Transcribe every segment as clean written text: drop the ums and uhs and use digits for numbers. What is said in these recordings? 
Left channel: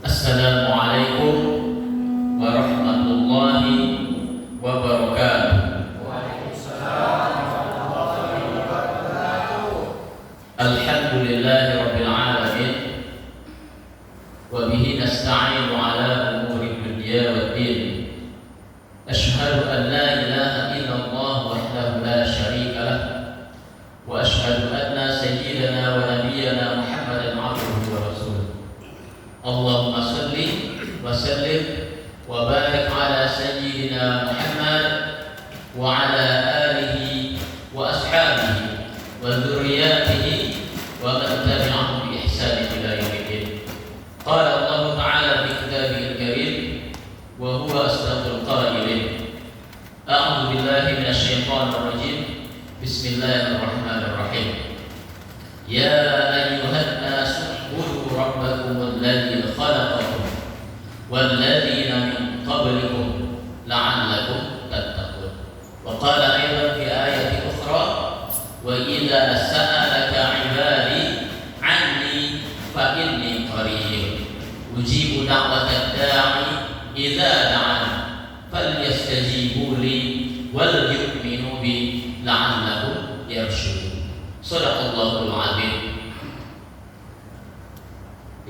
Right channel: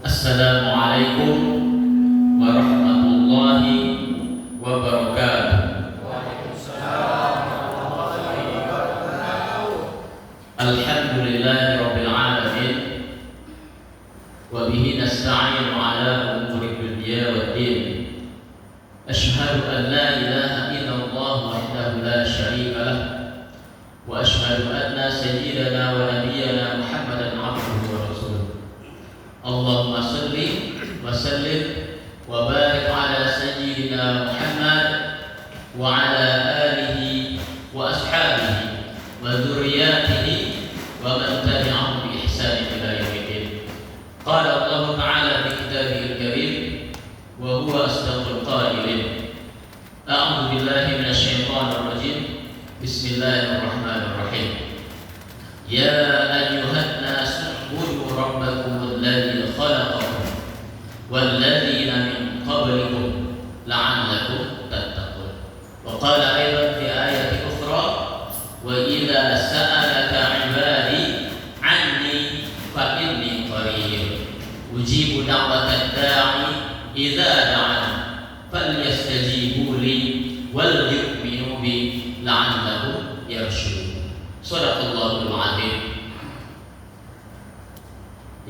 Assalamualaikum warahmatullahi wabarakatuh. Alhamdulillahi rabbil alamin. Wa bihi nasta'inu ala umuri dunya waddin. Ashhadu an la ilaha illallah wahdahu la syarika lah. Wa ashhadu anna sayyidana wa nabiyyana Muhammadan abduhu wa rasuluh. Allahumma salli wa sallim wa barik ala sayyidina Muhammad wa ala alihi wa ashabihi wa dzurriyyatihi wa man tabi'ahum bi ihsan ila yaumil. Qala Allah ta'ala fi kitabihil karim wa huwa asdaqul qailin. A'udzu billahi minasy syaithanir rajim. Bismillahirrahmanirrahim. Ya ayyuhan nas ubudu rabbakum alladzi khalaqakum walladzina min qablikum la'allakum tattaqun. Wa qala aidan fi ayatin ukhra wa idza sa'alaka 'ibadi 'anni fa inni qarib ujibu da'watad da'i idza da'an falyastajibu li wal yu'minu bi la'allahum yarshudun. Shadaqallahul 'azim.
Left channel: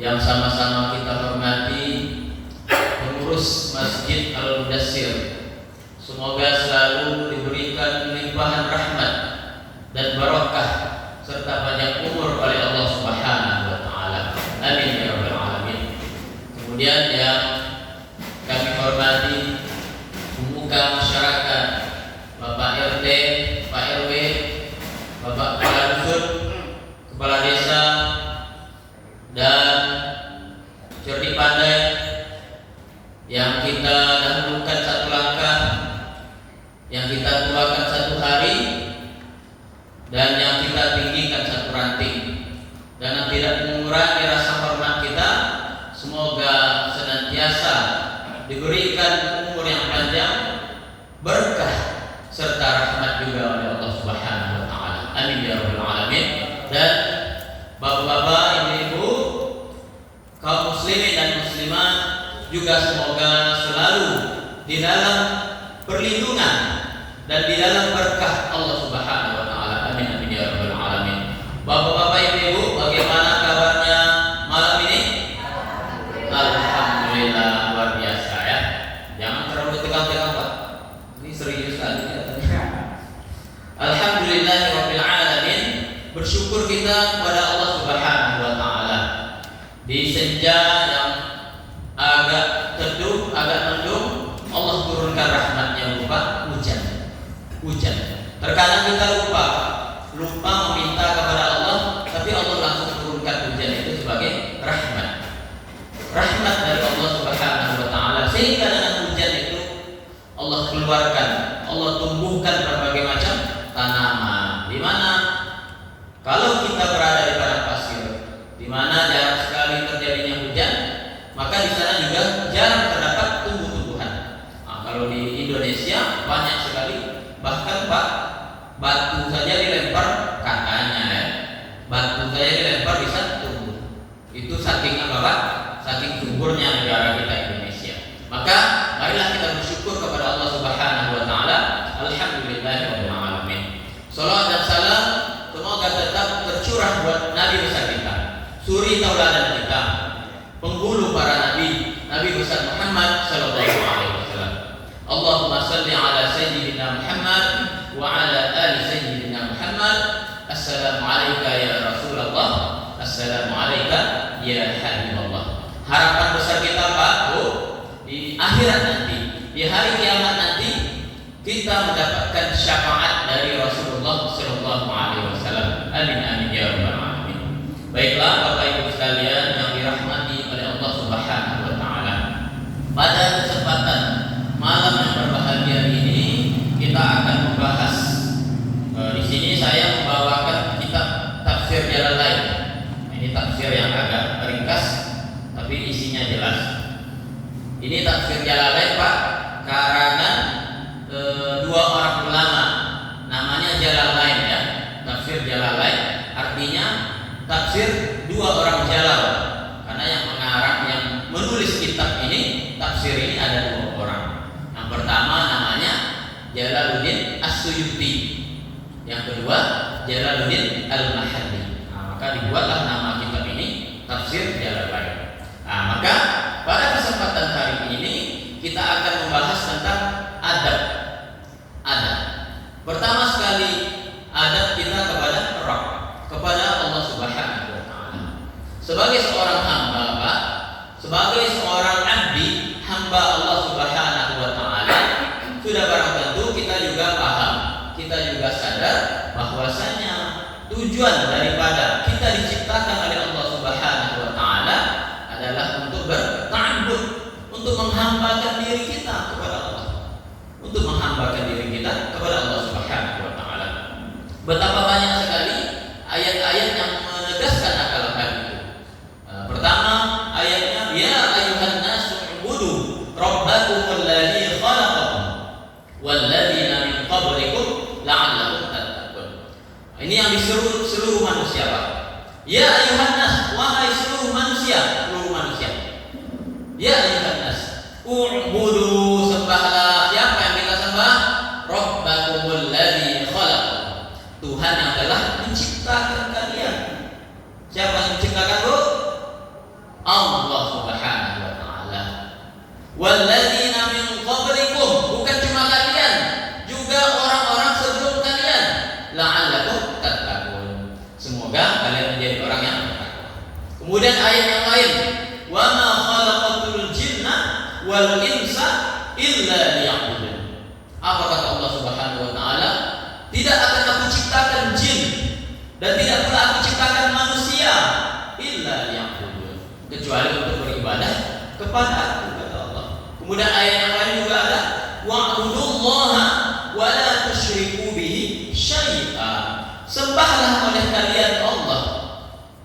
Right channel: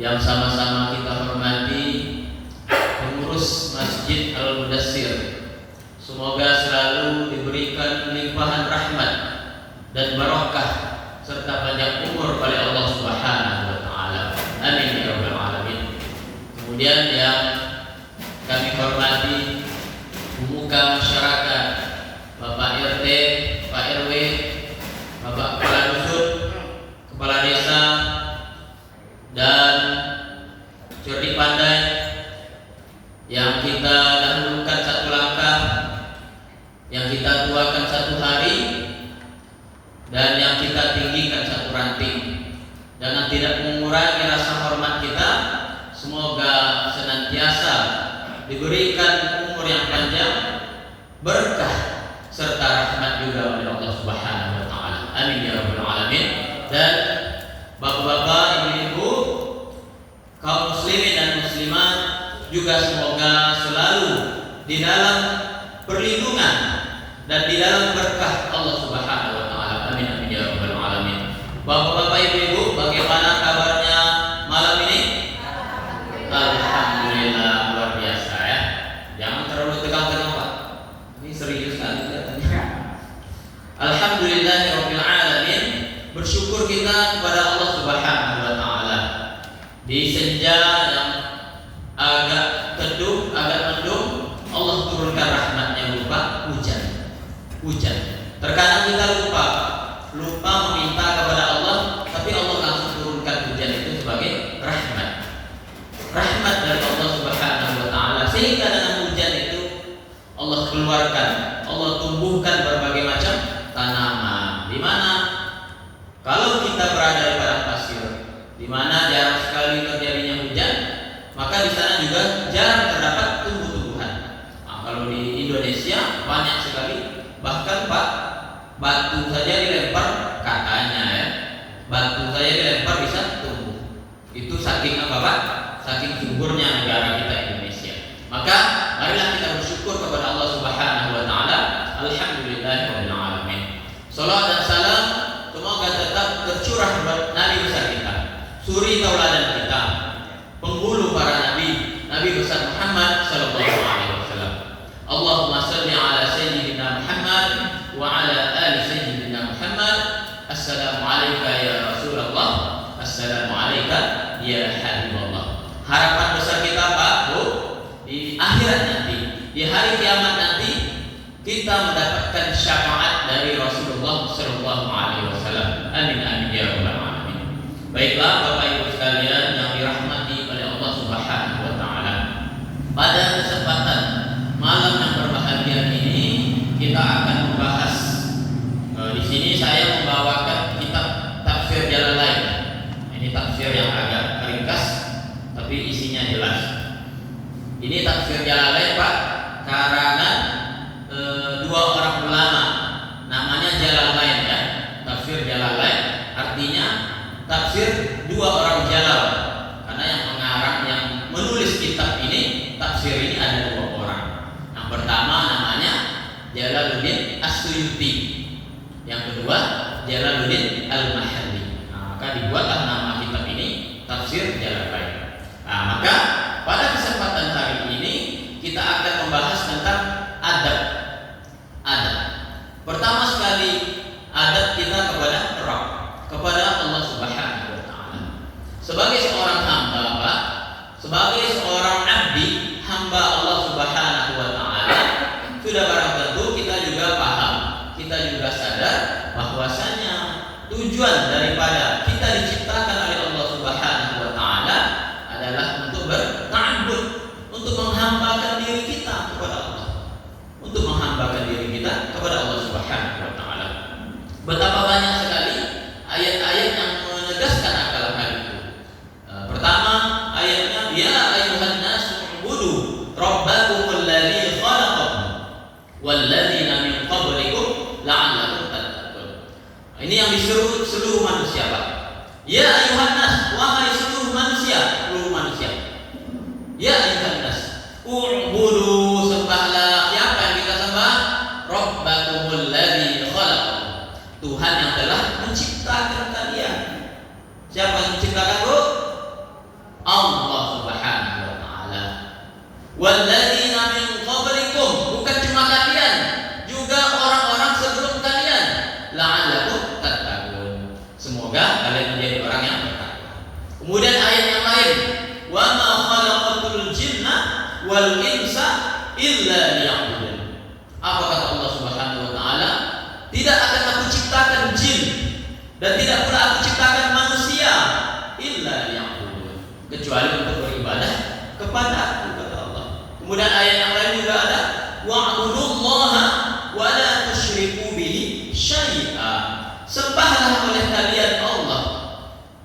Yang sama-sama kita hormati pengurus Masjid Al-Mudassir, semoga selalu diberikan limpahan rahmat dan barakah serta banyak umur oleh Allah Subhanahu wa taala. Amin ya rabbal alamin. Kemudian yang kami hormati pemuka masyarakat, Bapak RT, Pak RW, Bapak Kepala Dusun, Kepala Desa, dan cerdik pandai yang kita dahulukan satu langkah, yang kita tuakan satu hari, dan yang kita tinggikan satu ranting, dan yang tidak mengurangi rasa hormat kita. Semoga senantiasa diberikan umur yang panjang, berkah serta rahmat juga oleh Allah Subhanahu wa taala. Amin ya rabbal alamin. Dan bapak-bapak, ibu-ibu, kaum muslimin dan muslimat juga semoga selalu di dalam perlindungan dan di dalam berkah Allah Subhanahu wa taala. Amin amin ya rabbal alamin. Bapak-bapak, ibu-ibu, bagaimana kabarnya malam ini? Alhamdulillah, luar biasa ya. Jangan terlalu tegang-tegang, Pak. Ini serius sekali kelihatannya. Alhamdulillahirabbil alamin. Bersyukur kita kepada Allah Subhanahu wa taala. Di senja yang agak teduh, agak mendung, Allah turunkan rahmatnya berupa hujan. Hujan. Terkadang kita lupa meminta kepada Allah, tapi Allah langsung turunkan hujan itu sebagai rahmat. Rahmat dari Allah Subhanahu wa taala, sehingga dengan hujan itu Allah keluarkan, Allah tumbuhkan berbagai macam tanaman. Di mana kalau kita berada di padang pasir, di mana jarang sekali terjadinya hujan, maka di sana juga jarang terdapat tumbuh-tumbuhan. Nah, kalau di Indonesia banyak sekali, bahkan Pak, batu saja dilempar, katanya ya, batu saja dilempar bisa tumbuh. Itu saking apa Pak? Saking suburnya negara kita Indonesia. Maka marilah kita bersyukur kepada Allah Subhanahu wa taala. Alhamdulillahirabbil alamin. Salawat dan salam semoga tetap tercurah buat Nabi besar kita, suri tauladan kita, penghulu para nabi, Nabi besar Muhammad sallallahu alaihi wasallam. Allahumma shalli ala sayyidina Muhammad wa ala ali sayyidina Muhammad. Assalamu alayka ya Rasulullah. Assalamu alayka ya Habibullah. Harapan besar kita Pak Bu, di akhirat nanti, di hari kiamat nanti, kita mendapatkan syafaat dari Rasulullah sallallahu alaihi wasallam. Amin amin ya rabbal alamin. Baiklah Bapak Ibu sekalian yang dirahmati oleh Allah Subhanahu wa taala. Pada kesempatan malam yang berbahagia ini kita akan membahas di sini saya membawakan kitab Tafsir Jalalain. Ini tafsir yang agak ringkas tapi isinya jelas. Ini Tafsir Jalalain Pak, karangan dua orang ulama, namanya Jalalain ya. Tafsir Jalalain artinya tafsir dua orang jalal, karena yang mengarang yang Jalaluddin As-Suyuti, yang kedua Jalaluddin Al-Mahalli. Maka dibuatlah nama kitab ini Tafsir Jalalain. Maka pada kesempatan hari ini kita akan membahas tentang adab. Pertama sekali, adab kita kepada Rabb, kepada Allah Subhanahu wa taala. Sebagai seorang hamba, Pak, sebagai seorang abdi, hamba Allah Subhanahu wa taala, sudah barang tentu kita juga paham, kita juga sadar bahwasanya tujuan daripada kita diciptakan oleh Allah Subhanahu wa taala adalah untuk berta'abbud, untuk menghambakan diri kita kepada Allah. Untuk menghambakan diri kita kepada Allah Subhanahu wa taala. Betapa banyak sekali ayat-ayat yang menegaskan akan hal itu. Pertama, ayatnya ya ayyuhan nasu ubudu rabbakumul ladzi khalaqakum wal ladzina min qablikum la'allakum tattaqun. Ini yang diseru seluruh manusia, Pak. Ya ayyuhan nas, wahai seluruh manusia. Ya ayyuhan nas, ubudu, sembahlah. Siapa yang kita sembah? Rabbakumul ladzi khalaqakum, Tuhan yang telah menciptakan kalian. Siapa yang menciptakan, Bu? Allah Subhanahu wa taala. Walladzina min qablikum, bukan cuma kalian, juga orang-orang sebelum kalian. La'allakum tattaqun, semoga kalian menjadi orang yang bertakwa. Kemudian ayat yang lain, wa ma khalaqatul jinna wal insa illa liya'budun. Apa kata Allah Subhanahu wa taala? Tidak akan aku ciptakan jin dan tidak pula aku ciptakan manusia illa liya'budun, kecuali untuk beribadah kepada aku, kata Allah. Kemudian ayat yang lain juga ada wa'budullaha wa la tusyriku bihi syai'a. Sembahlah oleh kalian Allah,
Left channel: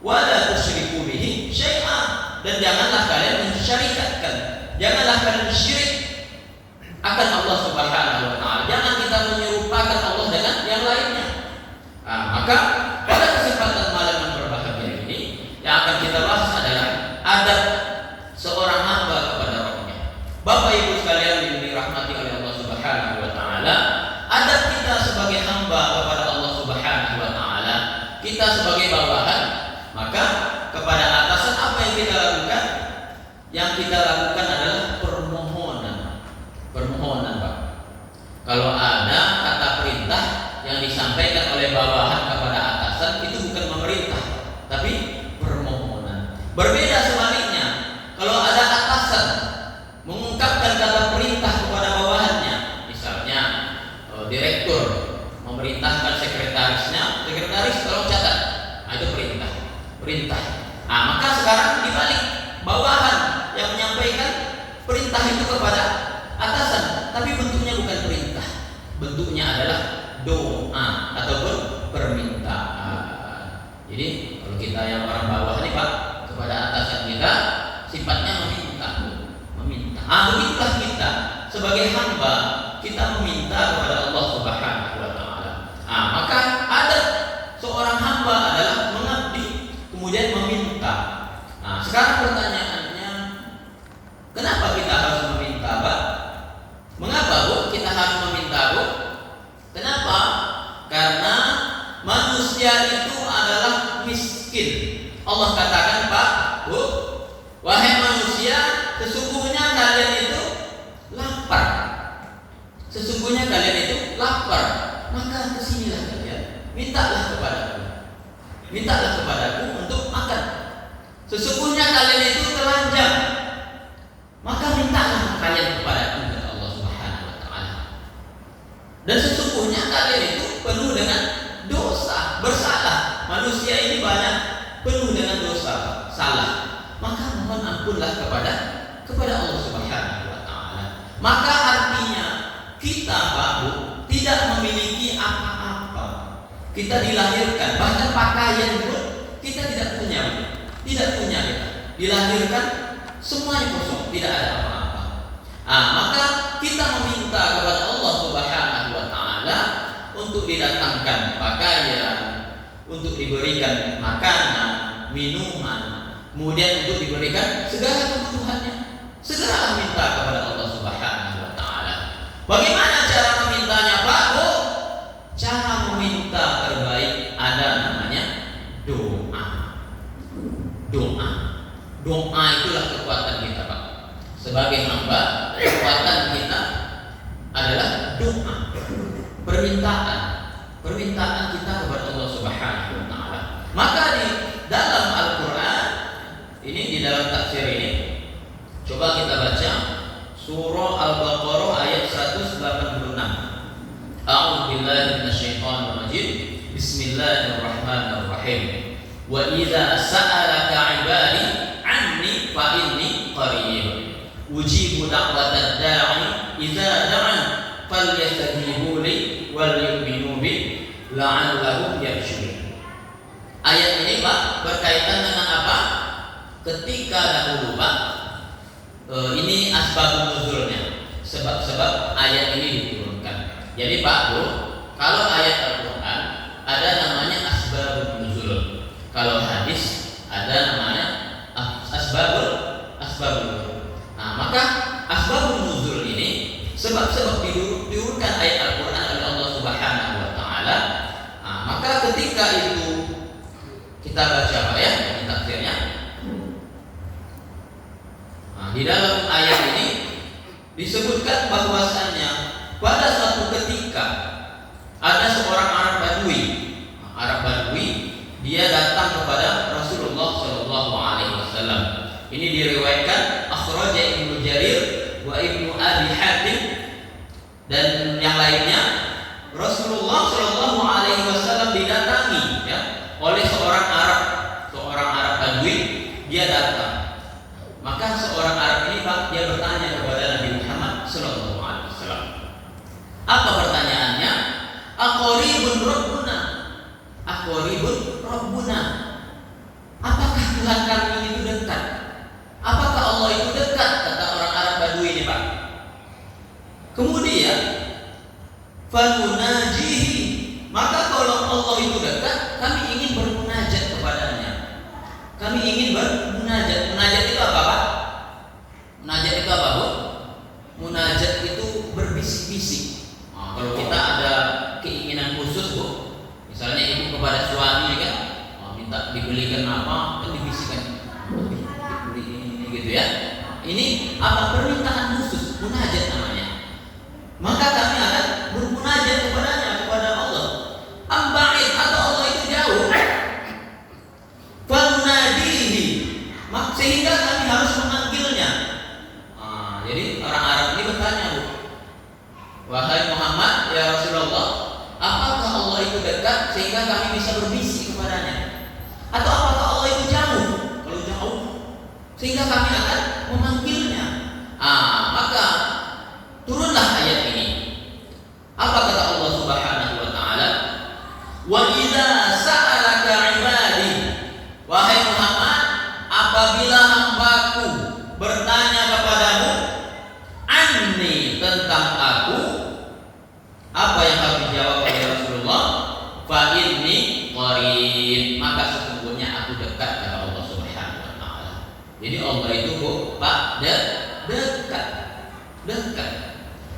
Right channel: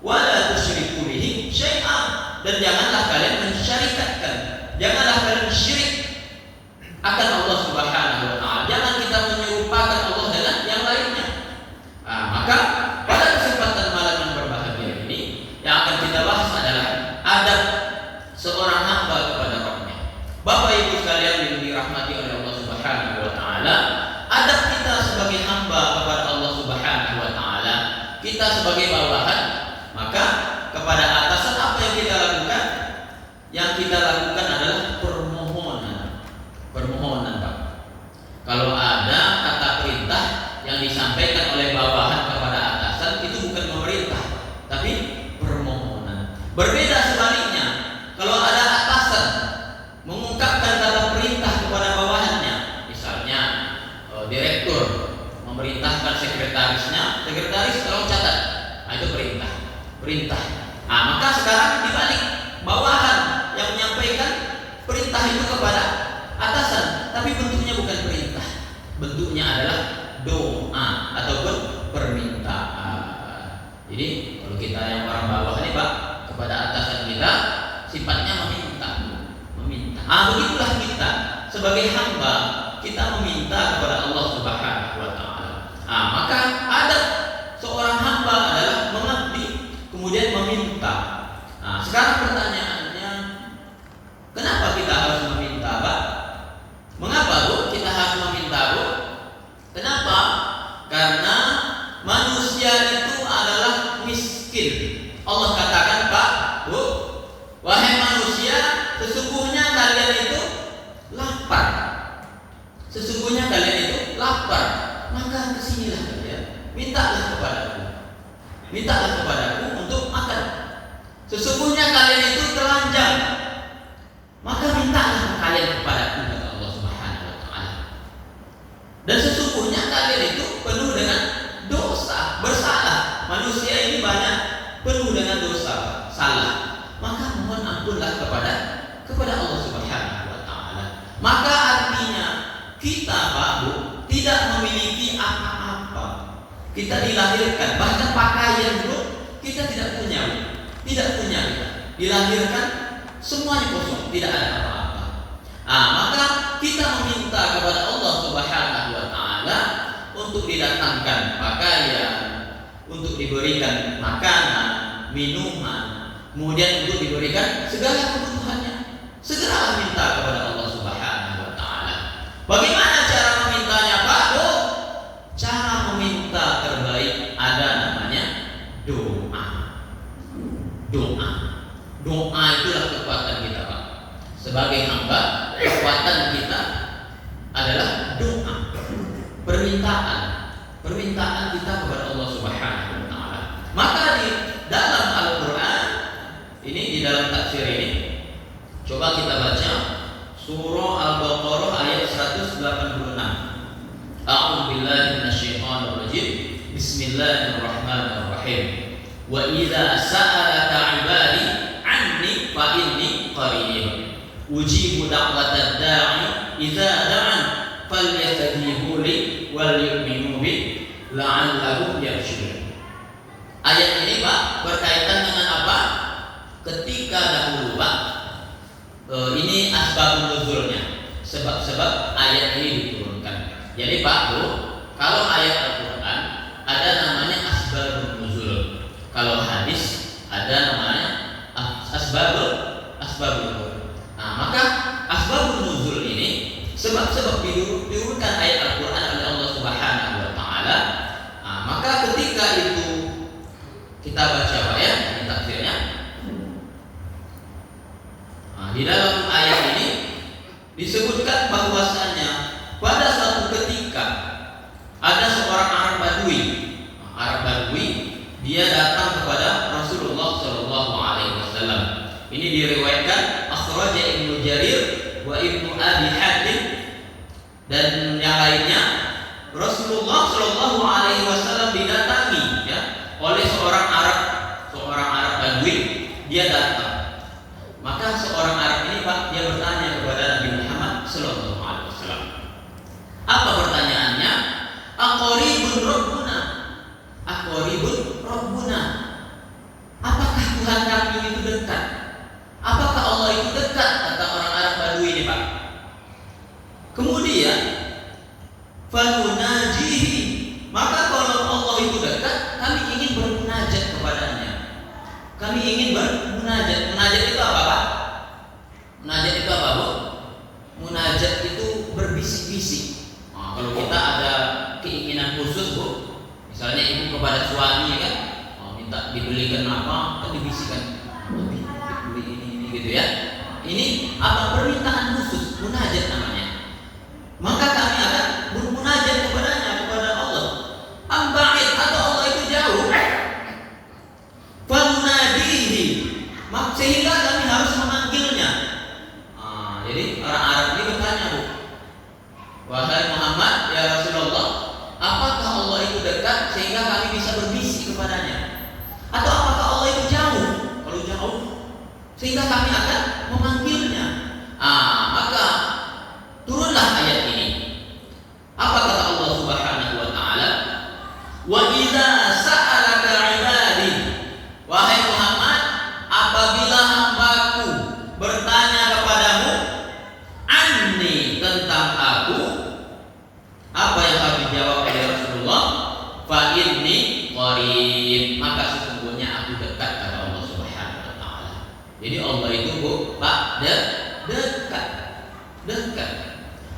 wa la tusyriku bihi syai'a, dan janganlah kalian mensyarikatkan, janganlah kalian syirik akan Allah Subhanahu wa taala. Jangan kita menyerupakan Allah dengan yang lainnya. Maka pada kesempatan malam yang berbahagia ini yang akan kita bahas adalah adab seorang hamba kepada Rabbnya. Bapak Ibu sekalian yang dirahmati oleh Allah Subhanahu wa taala, adab kita sebagai hamba kepada Allah Subhanahu wa taala, kita sebagai bawahan, maka kepada atasan apa yang kita lakukan? Yang kita lakukan adalah permohonan, Pak. Kalau ada kata perintah yang disampaikan oleh bawahan kepada atasan, itu bukan memerintah, tapi permohonan. Berbeda sebaliknya, kalau ada atasan mengungkapkan kata perintah kepada bawahannya, misalnya direktur memerintahkan sekretarisnya, sekretaris tolong catat, itu perintah. Maka sekarang dibalik, bawahan yang menyampaikan perintah itu kepada atasan, tapi bentuknya bukan perintah, bentuknya adalah doa ataupun permintaan. Jadi kalau kita yang orang bawah ini, Pak, kepada atasan kita sifatnya meminta. Begitulah kita sebagai hamba, kita meminta kepada Allah Subhanahu wa taala. Maka ada seorang hamba adalah mengabdi, kemudian meminta. Sekarang pertanyaannya, kenapa kita harus meminta, Pak? Mengapa, Bu, kita harus meminta, Bu? Kenapa? Karena manusia itu adalah miskin. Allah katakan, Pak, Bu, wahai manusia, sesungguhnya kalian itu lapar. Sesungguhnya kalian itu lapar. Maka kesinilah kalian, mintalah kepadaku untuk makan. Sesungguhnya kalian itu telanjang, maka mintalah kalian kepadaku, kata Allah Subhanahu wa taala. Dan sesungguhnya kalian itu penuh dengan dosa, bersalah. Manusia ini banyak penuh dengan dosa, salah. Maka mohon ampunlah kepada Allah Subhanahu wa taala. Maka artinya kita, Pak, Bu, tidak memiliki apa-apa. Kita dilahirkan, bahkan pakaian pun kita tidak punya, Bu. Tidak punya kita. Dilahirkan semuanya kosong, tidak ada apa-apa. Maka kita meminta kepada Allah Subhanahu wa taala untuk didatangkan pakaian, untuk diberikan makanan, minuman, kemudian untuk diberikan segala kebutuhannya. Segeralah minta kepada Allah Subhanahu wa taala. Bagaimana cara meminta Doa itulah kekuatan kita, Pak. Sebagai hamba, kekuatan kita adalah doa, permintaan kita kepada Allah Subhanahu wa taala. Maka di dalam Al-Qur'an ini, di dalam tafsir ini, coba kita baca surah Al-Baqarah ayat 186. A'udzu billahi minasyaitonir rajim. Bismillahirrahmanirrahim. Wa idza sa'alaka 'ibadi 'anni fa inni qarib. Ujibu da'watad da'i idza da'an falyastajibu li wal yu'minu bi la'allahum yarshudun. Ayat ini, Pak, berkaitan dengan apa? Ketika dahulu, Pak, ini asbabun nuzulnya, sebab-sebab ayat ini diturunkan. Jadi, Pak, Bu, kalau ayat Al-Qur'an ada namanya asbabun nuzul. Kalau hadis ada namanya asbabun nuzul. Nah, maka asbabun nuzul ini sebab-sebab diurutkan ayat Al-Qur'an oleh Allah Subhanahu wa taala. Nah, maka ketika itu kita baca, Pak, ya, ini tafsirnya. Nah, di dalam ayat ini disebutkan bahwasannya pada suatu ketika ada seorang Arab Badui. Arab Badui, dia datang kepada Rasulullah Shallallahu Alaihi Wasallam. Ini diriwayatkan akhraja Ibnu Jarir wa Ibnu Abi Hatim dan yang lainnya. Rasulullah Shallallahu Alaihi Wasallam didatangi, ya, oleh seorang Arab Badui. Dia datang. Maka seorang Arab ini, Pak, dia bertanya kepada Nabi Muhammad Shallallahu Alaihi Wasallam. Apa pertanyaannya? Aqaribun Rabbuna. Aqaribun Rabbuna. Apakah Tuhan kami itu dekat? Apakah Allah itu dekat? Kata orang Arab Badui ini, Pak. Kemudian famunajihi. Maka kalau Allah itu dekat, kami ingin bermunajat kepadanya. Kami ingin bermunajat. Munajat itu apa, Pak? Munajat itu apa, Bu? Munajat itu berbisik-bisik. Nah, kalau kita ada keinginan khusus, Bu, misalnya ibu kepada suami, kan, minta dibelikan apa, kan dibisikkan, dibeli ini gitu, ya. Ini apa? Permintaan khusus, munajat namanya. Maka kami akan bermunajat kepadanya, kepada Allah. Amba'id, atau Allah itu jauh. Famunadihi, sehingga kami harus memanggilnya. Jadi orang Arab ini bertanya, Bu, wahai Muhammad, ya Rasulullah, apakah Allah itu dekat sehingga kami bisa berbisik kepadanya? Atau apakah Allah itu jauh? Kalau jauh, sehingga kami akan memanggilnya. Maka turunlah ayat ini. Apa kata Allah Subhanahu wa taala? Wa idza sa'alaka 'ibadi, wahai Muhammad, apabila hambaku bertanya kepadamu anni, tentang aku, apa yang harus dijawab oleh Rasulullah? Fa inni qarib, maka sesungguhnya aku dekat, kata Allah Subhanahu wa taala. Jadi Allah itu, Bu, Pak, dekat.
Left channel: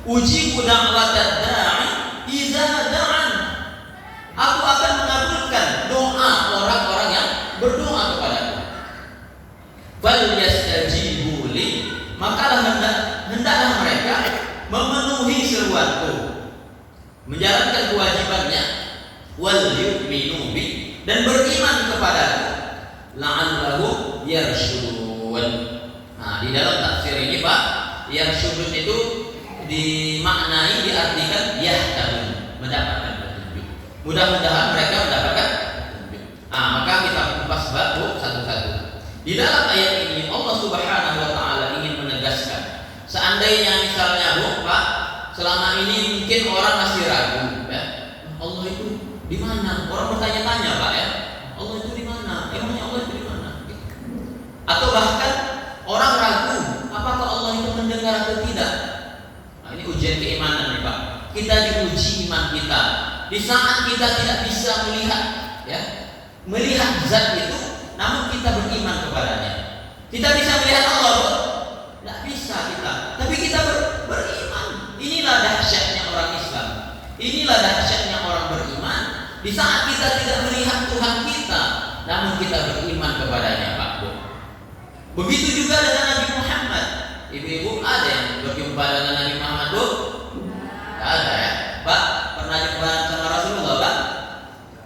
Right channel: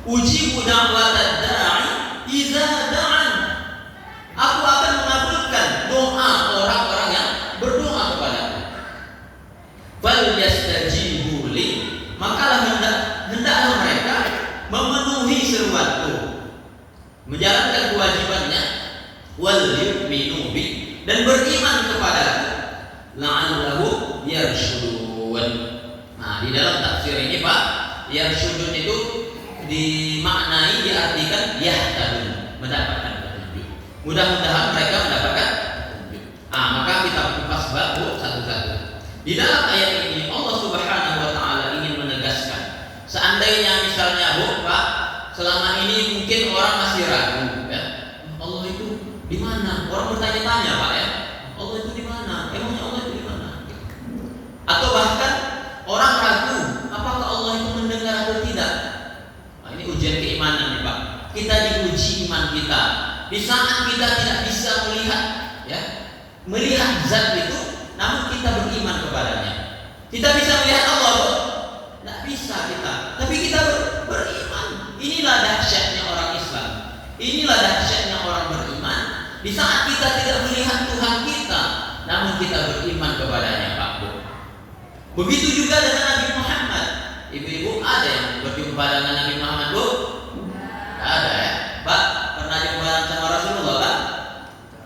Ujibu da'watad da'i idza da'an. Aku akan mengabulkan doa orang-orang yang berdoa kepadaku. Fal yastajibu li, maka hendaklah mereka memenuhi seruanku, menjalankan kewajibannya, wal yu'minu bi, dan beriman kepadaku, la'allahu yarshudun. Nah, di dalam tafsir ini, Pak, yarshudun itu dimaknai, diartikan yahtadun, mendapatkan petunjuk. Mudah-mudahan mereka mendapatkan petunjuk. Maka kita kupas bab satu-satu. Di dalam ayat ini Allah Subhanahu wa taala ingin menegaskan, seandainya misalnya, Bu, Pak, selama ini mungkin orang masih ragu, ya, Allah itu di mana? Orang bertanya-tanya, Pak, ya, Allah itu di mana? Emangnya Allah itu di mana? Atau bahkan orang ragu, apakah Allah itu mendengar atau tidak? Ini ujian keimanan nih, Pak. Kita diuji iman kita. Di saat kita tidak bisa melihat zat itu, namun kita beriman kepadanya. Kita bisa melihat Allah, Bu? Tidak bisa kita. Tapi kita beriman. Inilah dahsyatnya orang Islam. Inilah dahsyatnya orang beriman. Di saat kita tidak melihat Tuhan kita, namun kita beriman kepadanya, Pak, Bu. Begitu juga dengan Nabi Muhammad. Ibu-ibu ada yang berjumpa dengan Nabi Muhammad, Bu? Tidak ada ya. Pak, pernah jumpa sama Rasulullah, Pak?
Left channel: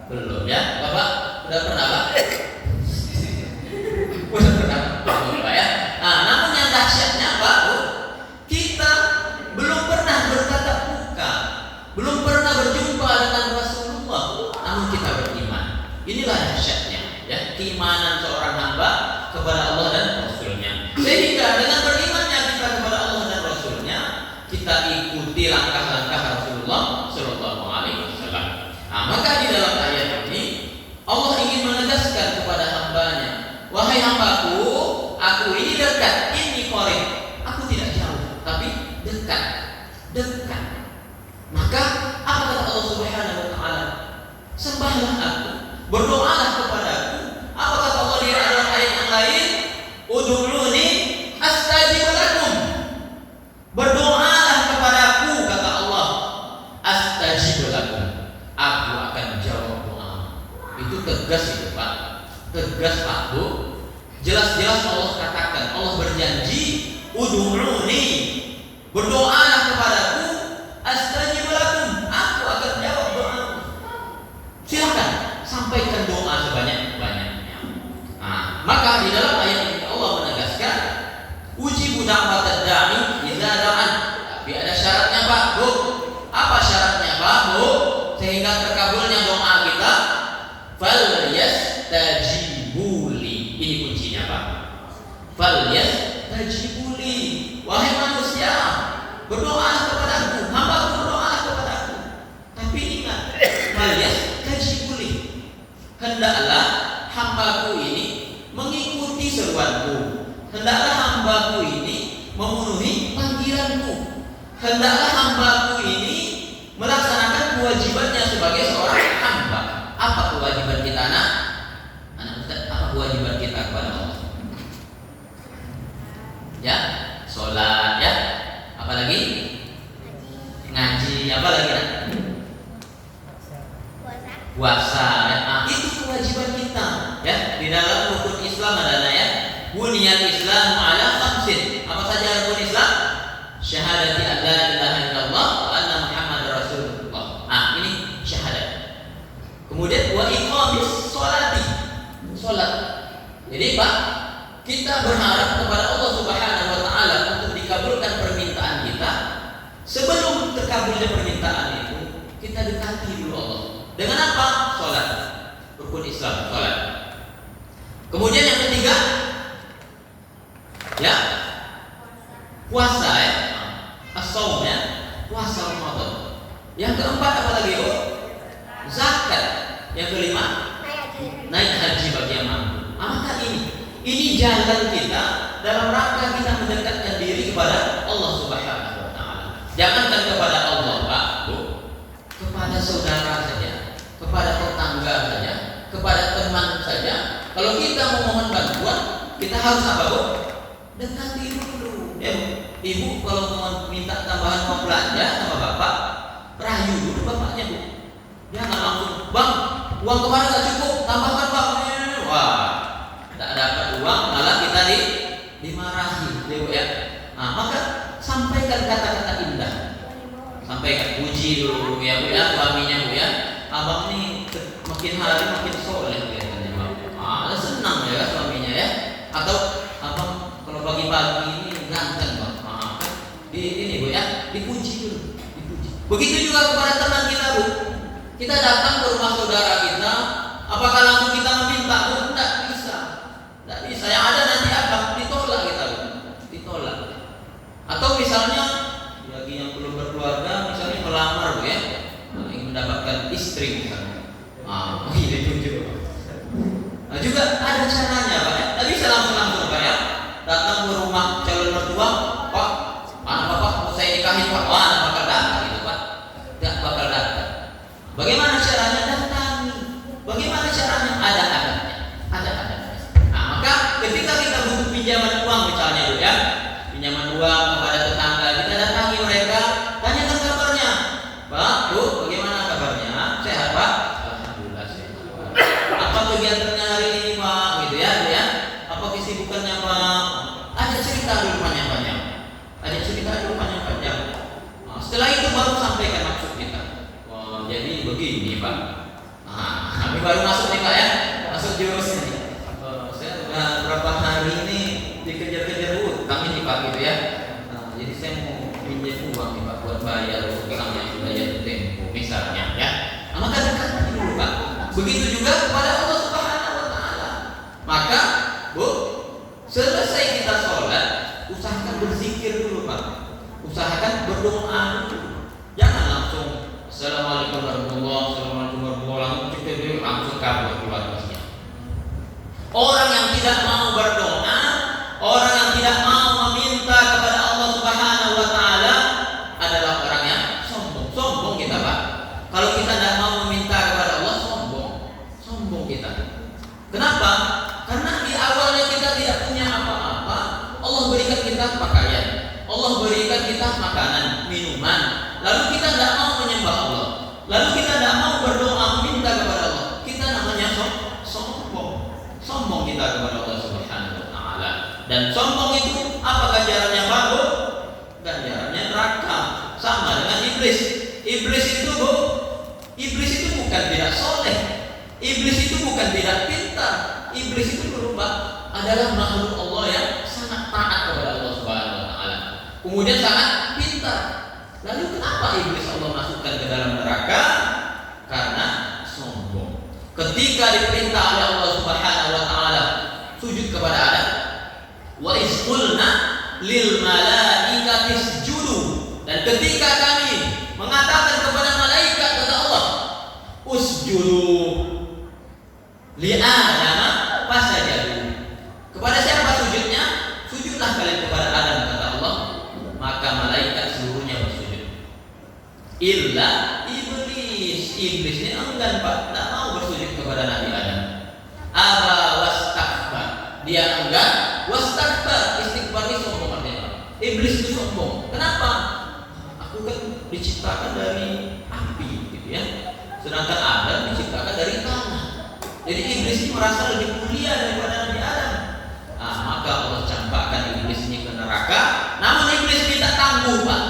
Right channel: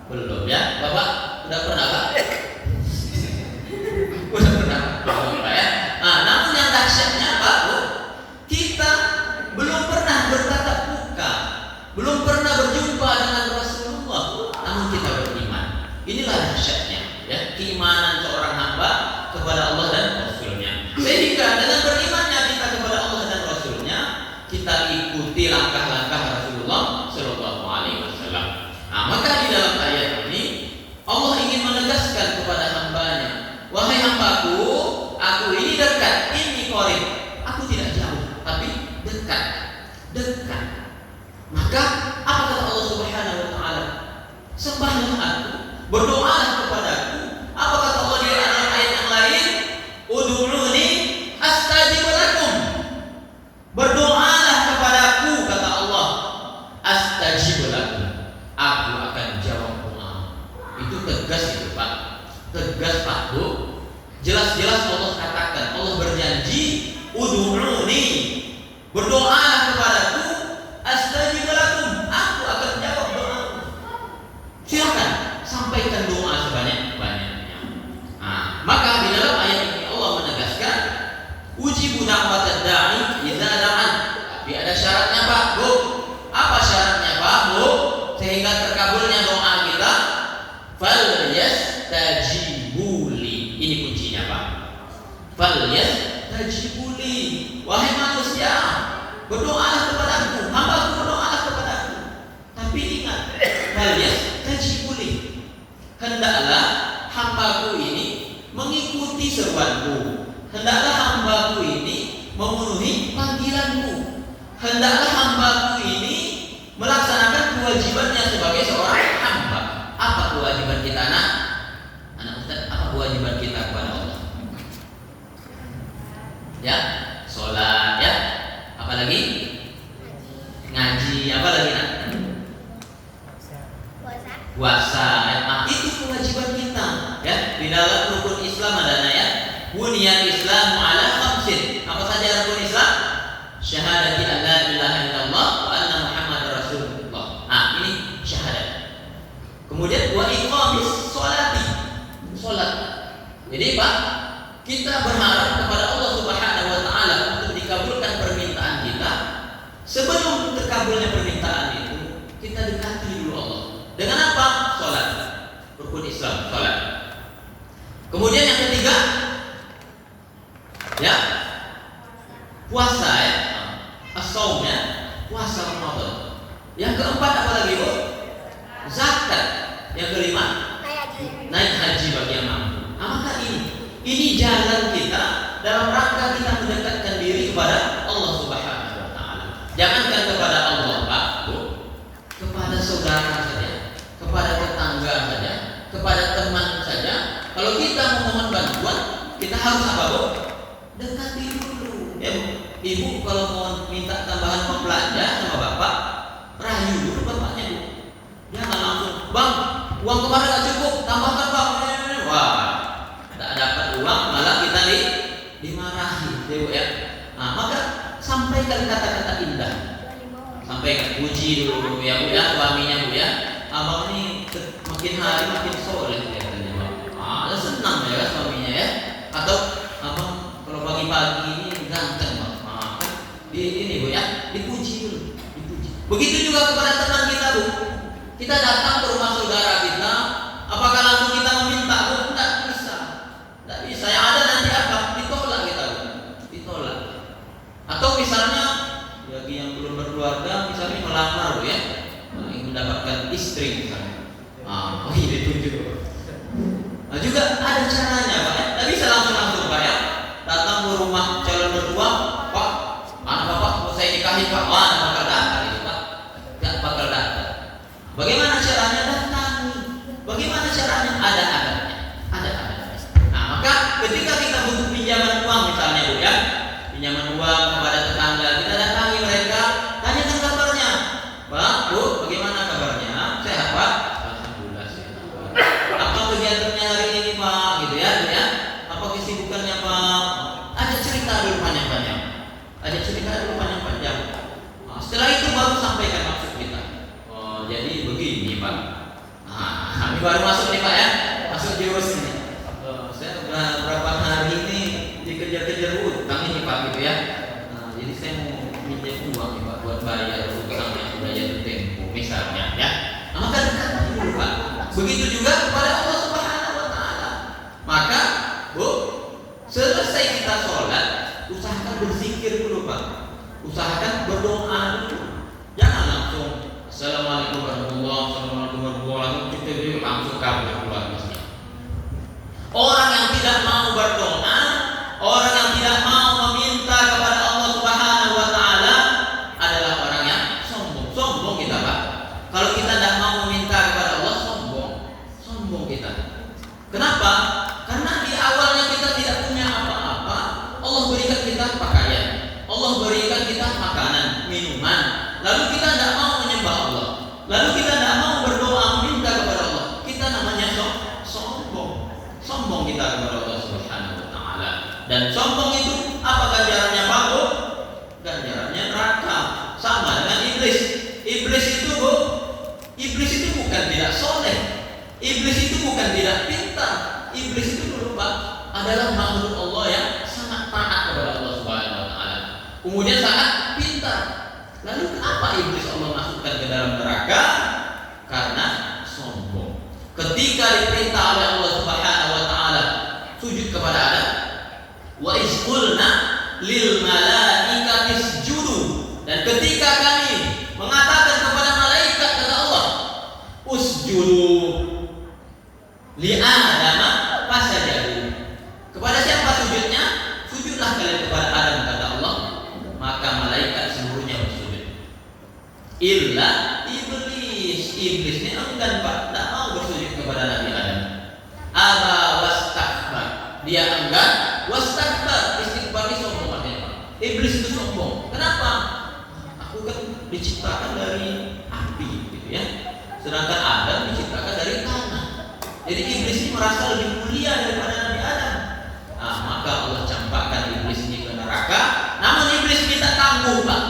Belum ya. Bapak udah pernah, Pak? Udah pernah, Pak ya. Nah, namun yang dahsyatnya Pak, Bu, kita belum pernah bertatap muka, belum pernah berjumpa dengan Rasulullah, namun kita beriman. Inilah dahsyatnya, ya, keimanan seorang hamba kepada Allah dan Rasulnya. Sehingga dengan berimannya kita kepada Allah dan Rasulnya, kita ikuti langkah-langkah Rasulullah Shallallahu Alaihi Wasallam. Nah, maka di dalam ayat ini Allah ingin menegaskan kepada hambanya, wahai hambaku, aku ini dekat, ini qarib, aku tidak jauh, tapi dekat, dekat. Maka apa kata Allah Subhanahu Wa Taala? Sembahlah aku, berdoalah kepadaku. Apa kata Allah di dalam ayat yang lain? Ud'uuni astajib lakum. Berdoalah kepadaku, kata Allah, astajib lakum. Aku akan jawab doa. Itu tegas itu, Pak. Tegas, Pak, Bu. Jelas-jelas Allah katakan, Allah berjanji, ud'uuni, berdoalah kepadaku, astajib lakum. Aku akan jawab doa. Silakan sampaikan doa sebanyak-banyaknya. Nah, maka di dalam ayat ini Allah menegaskan, ujibu da'watad da'i idza da'an. Tapi ada syaratnya, Pak, Bu. Apa syaratnya, Pak, Bu? Sehingga terkabulnya doa kita. Falyastajibuli. Ini kuncinya, Pak. Falyastajibuli. Wahai manusia, berdoalah kepadaku, hambaku berdoalah kepadaku. Tapi ingat, falyastajibuli. Hendaklah hambaku ini mengikuti seruanku. Hendaklah hambaku ini memenuhi panggilanku. Hendaklah hambaku ini melaksanakan kewajibannya sebagai seorang hamba. Apa kewajiban kita, anak? Anak Ustaz, apa kewajiban kita kepada Allah? Ya, sholat, ya. Apalagi? Ngaji, apalagi, nak? Puasa. Nah, itu kewajiban kita, ya. Di dalam rukun Islam ada ayat, buniyal Islamu ala khamsin. Apa saja rukun Islam? Syahadati an la ilaha illallah wa anna Muhammad Rasulullah. Nah, ini syahadat. Kemudian wa iqamis sholati, sholat. Jadi, Pak, kita berharap kepada Allah Subhanahu Wa Taala untuk dikabulkan permintaan kita. Sebelum terkabulnya permintaan itu, kita dekati dulu Allah. Dengan apa? Sholat. Rukun Islam, sholat. Kemudian yang ketiga, ya, puasa, ya, as-shaum, ya, puasa Ramadan. Yang keempat apa lagi, Bu? Zakat. Yang kelima, naik haji bagi yang mampu. Maka ini jalan kita dalam rangka kita mendekatkan diri kepada Allah Subhanahu Wa Taala. Jangankan kepada Allah, Pak, Bu, kepada saudara saja, kepada tetangga saja, kepada teman saja. Kalau kita memohon bantuan, kita harus apa, Bu? Dekati dulu. Ya, Ibu kalau mau minta tambahan mau belanja sama Bapak, rayu dulu bapaknya, Bu. Jangan langsung, Bang, uang kemarin nggak cukup, tambahkan, Bang. Wah, tak dapat uang, malah kita dimarahi, ya, Bu, ya. Nah, maka sampaikan kata-kata indah. Sampaikan, puji dulu, Bu, ya, Bu, ya, suaminya, Bu, ya. Abang ini makin hari makin soleh kelihatannya, Bang. Ah, senang ya suaminya, ya. Atau abang kalau pagi-pagi ini ganteng, Bang. Ah, kan ini, Bu, ya, dipuji dulu, dipuji. Begitu juga kepada teman kita, Bu. Kita datang ke rumah saudara kita, apakah langsung kita meminta, Bu? Tidak bisa, tidak bisa. Yang ada nanti apa? Ditolak kita, Bu. Ditolak. Atau misalnya bagi yang belum berkeluarga, misalnya melamar, Bu, ya, ingin mendapatkan istri misalnya. Ini ditunjuk. Nah, juga ada caranya, Pak. Tidak bisa langsung, Pak, ya. Datang ke rumah calon mertua, Pak, anak Bapak mau saya nikahin, Pak. Wah, anak bakal datang itu, Pak. Tidak bakal datang. Bagaimana caranya? Datangi. Bagaimana caranya? Ada adabnya. Ada adabnya. Nah, maka ketika kita butuh pinjaman uang misalnya, Bu, ya, pinjaman uang kepada tetangga, kita datangi mereka, tanyakan kabarnya. Pak, Bu, bagaimana kabarnya? Sehat, Pak? Alhamdulillah sehat. Apa kegiatannya hari ini, Pak? Gitu, ya, Bu, ya. Apa kesibukannya, Pak? dikejar-kejar utang ini Pak gitu ya. Nah, jadi saya mau pinjam uang nih Pak buat bayar utang yang sudah jatuh tempo misalnya ya. Nah, maka dekati dulu Pak. Begitu juga kepada Allah Subhanahu wa taala. Maka, Bu, selesai kita sholat, usahakan berzikir dulu Pak. Usahakan berdoa dulu. Jangan langsung Assalamualaikum warahmatullahi langsung kabur keluar masjid. Orang yang tidak mau berdoa, orang yang tidak mau meminta kepada Allah Subhanahu wa taala adalah orang yang sombong. Sombong kita Pak. Kalau kita tidak mau meminta kepada Allah, sombong kita. Kenapa? Karena di awalnya kita tidak punya apa-apa, Allah berikan kita pakaian, Allah berikan kita makanan, minuman, lalu kita tidak mau menyembah Allah, lalu kita tidak mau berdoa meminta kepada Allah. Kita namanya sombong kita kepada Allah Subhanahu wa taala. Dan sombong itu apa ganjarannya Pak Bu? Ganjarannya neraka. Sama dengan iblis. Iblis itu bukan tidak soleh. Iblis itu bukan tidak pintar. Iblis itu dulu Pak adalah makhluk Allah yang sangat taat kepada Allah Subhanahu wa taala. Kemudian sangat pintar. Lalu kenapa iblis Allah masukkan ke dalam neraka? Karena sombong. Ketika diperintah oleh Allah Subhanahu wa taala sujud kepada Adam, wa iz qulna lil malaikati isjudu, dan ketika kami mengatakan kepada malaikat kata Allah, usjudu li Adam fasajadu. Kepada siapa sujudnya? Sujudlah kalian kepada Adam kata Allah. Maka malaikat seluruhnya bersujud. Illa iblis. Iblisnya enggan Pak, tidak mau bersujud kepada Nabi Adam. Aba wastakbar. Dia enggan, wastakbar. Istighfar ini sombong artinya. Iblis itu sombong. Kenapa? Aku kan diciptakan dari api gitu ya. Sedangkan Adam diciptakan dari tanah. Jadi iblis ini merasa lebih mulia daripada Nabi Adam. Nah, maka Allah campakkan iblis ini ke neraka. Namun iblis minta tangguh Pak.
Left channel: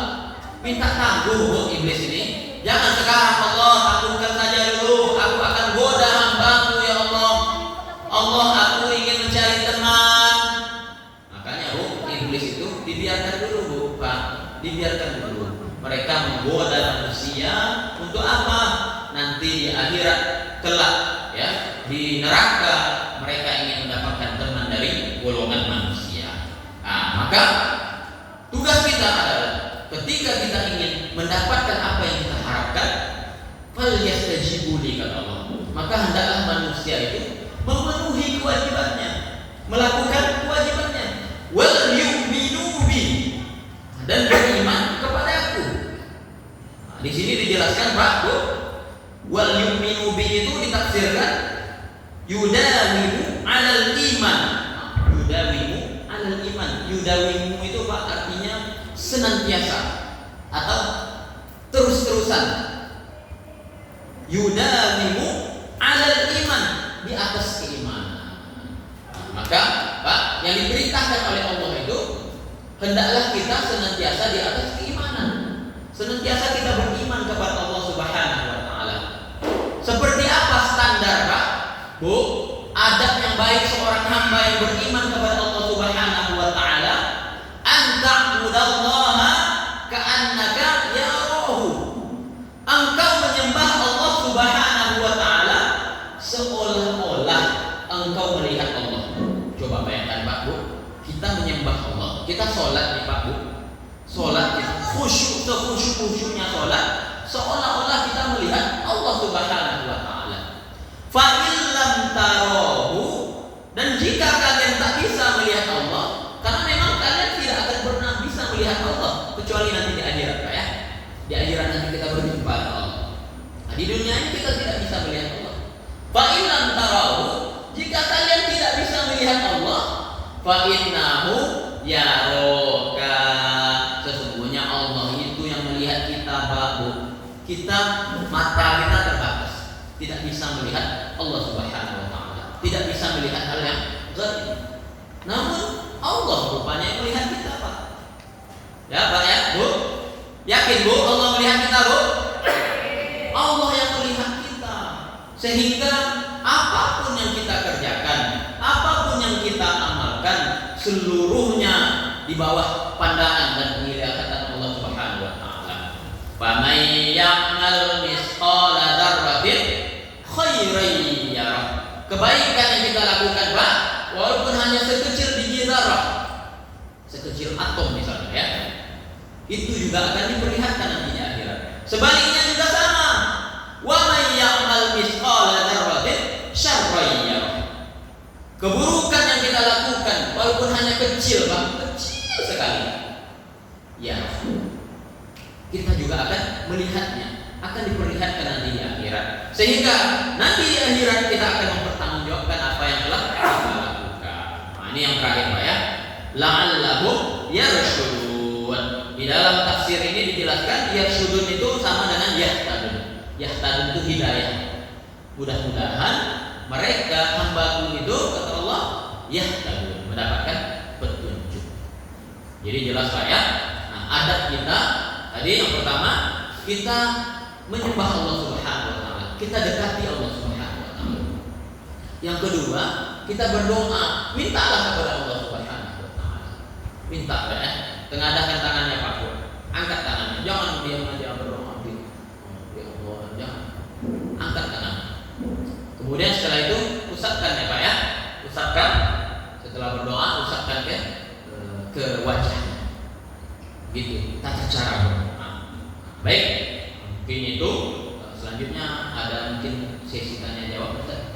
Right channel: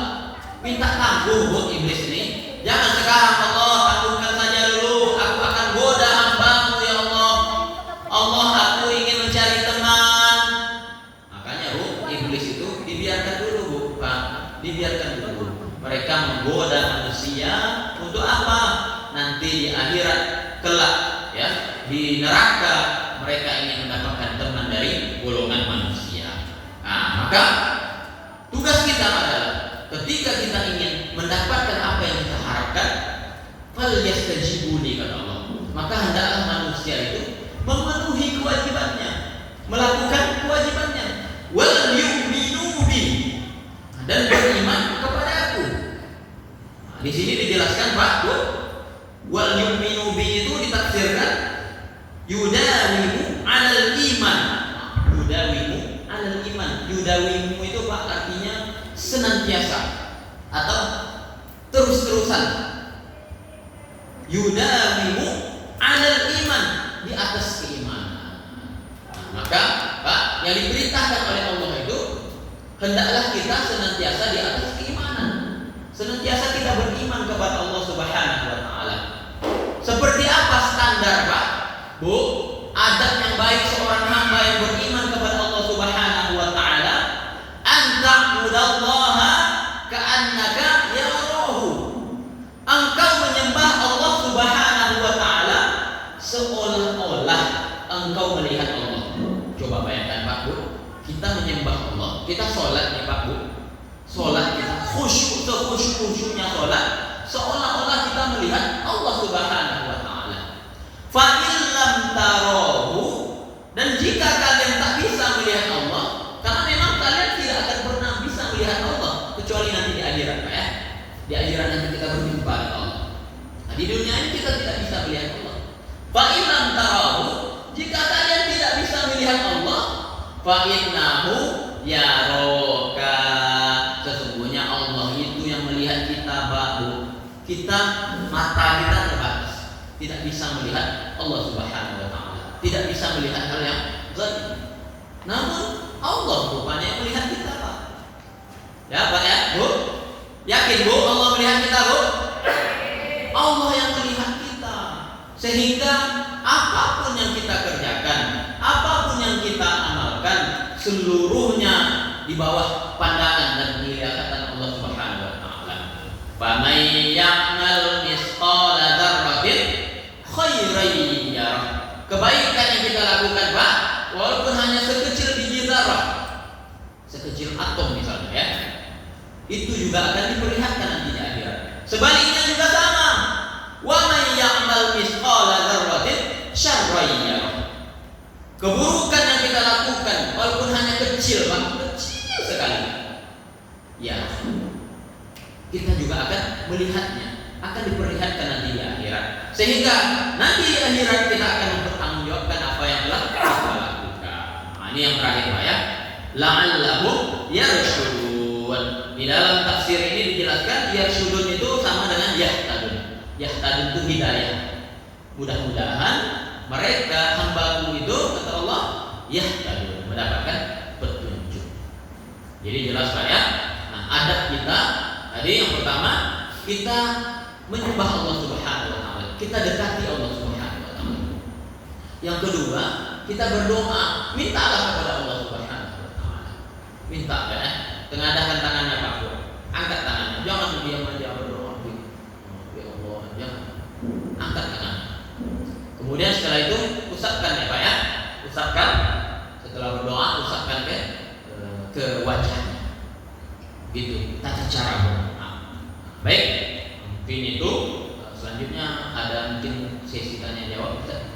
Minta tangguh Bu, iblis ini. Jangan sekarang Allah tangguhkan saja dulu. Aku akan goda hamba-Mu ya Allah. Allah, aku ingin mencari teman. Makanya Bu, iblis itu dibiarkan dulu Bu Pak. Dibiarkan dulu. Mereka menggoda manusia untuk apa? Nanti di akhirat kelak ya, di neraka mereka ingin mendapatkan teman dari golongan manusia. Nah, maka tugas kita adalah ketika kita ingin mendapatkan apa yang kita harapkan, falyastajibu li kata Allah. Maka hendaklah manusia itu memenuhi kewajibannya, melakukan kewajibannya. Wal yu'minu bi, dan beriman kepadaku. Nah, di sini dijelaskan Pak, Bu, wal yu'minu bi itu ditafsirkan yudawimu 'alal iman. Yudawimu 'alal iman. Yudawimu itu Pak artinya senantiasa atau terus-terusan. Yudawimu 'alal iman, di atas keimanan. Maka Pak, yang diperintahkan oleh Allah itu hendaklah kita senantiasa di atas keimanan. Senantiasa kita beriman kepada Allah Subhanahu wa taala. Seperti apa standar Pak? Bu, adab yang baik seorang hamba yang beriman kepada Allah Subhanahu wa taala, anta'budallaha ka'annaka yarahu. Engkau menyembah Allah Subhanahu wa taala seolah-olah engkau melihat Allah. Coba bayangkan Pak Bu, kita menyembah Allah, kita sholat nih Pak Bu. Sholat kita khusyuk, sekhusyuk-khusyuknya sholat, seolah-olah kita melihat Allah Subhanahu wa taala. Fa illam tarahu, dan jika kalian tak bisa melihat Allah, karena memang kalian tidak akan pernah bisa melihat Allah kecuali nanti di akhirat Pak ya. Di akhirat nanti kita berjumpa dengan Allah. Nah, di dunia ini kita tidak bisa melihat Allah. Fa illam tarahu, jika kalian tidak bisa melihat Allah, fa innahu yaraka, sesungguhnya Allah itu yang melihat kita Pak Bu. Kita, mata kita terbatas, tidak bisa melihat Allah Subhanahu wa taala, tidak bisa melihat hal yang gaib. Namun Allah rupanya yang melihat kita Pak. Ya Pak ya Bu, yakin Bu Allah melihat kita Bu? Allah yang melihat kita, sehingga apapun yang kita kerjakan, apapun yang kita amalkan, seluruhnya di bawah pandangan dan penglihatan Allah Subhanahu wa taala. Faman ya'mal misqala dzarratin khairan yarah. Kebaikan yang kita lakukan, Pak, walaupun hanya sekecil biji zarah, sekecil atom misalnya ya, itu juga akan diperlihatkan nanti di akhirat. Sebaliknya juga sama. Wa may ya'mal misqala dzarratin syarran yarah. Keburukan yang kita lakukan walaupun hanya kecil, Pak, kecil sekali, ya, kita juga akan melihatnya, akan diperlihatkan nanti di akhirat. Sehingga nanti di akhirat kita akan mempertanggungjawabkan apa yang telah kita lakukan. Nah, ini yang terakhir, Pak ya. La'allahum yarshudun. Di dalam tafsir ini dijelaskan yarshudun itu sama dengan yahtadun. Yahtadun itu hidayah. Mudah-mudahan mereka hambaku itu, kata Allah, yahtadun, mendapatkan petunjuk. Jadi jelas, Pak ya. Nah, adab kita tadi yang pertama, kita menyembah Allah Subhanahu wa taala. Kita dekati Allah Subhanahu wa taala. Yang kedua, kita berdoa, mintalah kepada Allah Subhanahu wa taala. Minta ya. Tengadahkan tangannya, Pak. Angkat tangannya. Jangan diam aja berdoa. Ya Allah, jangan. Angkat tangan. Kemudian setelah itu usapkan ya, Pak ya. Usapkan. Setelah berdoa, usapkan ke wajahnya. Gitu, tata cara berdoa. Baik, mungkin itu. Selanjutnya ada mungkin sesi tanya jawab, Ustaz.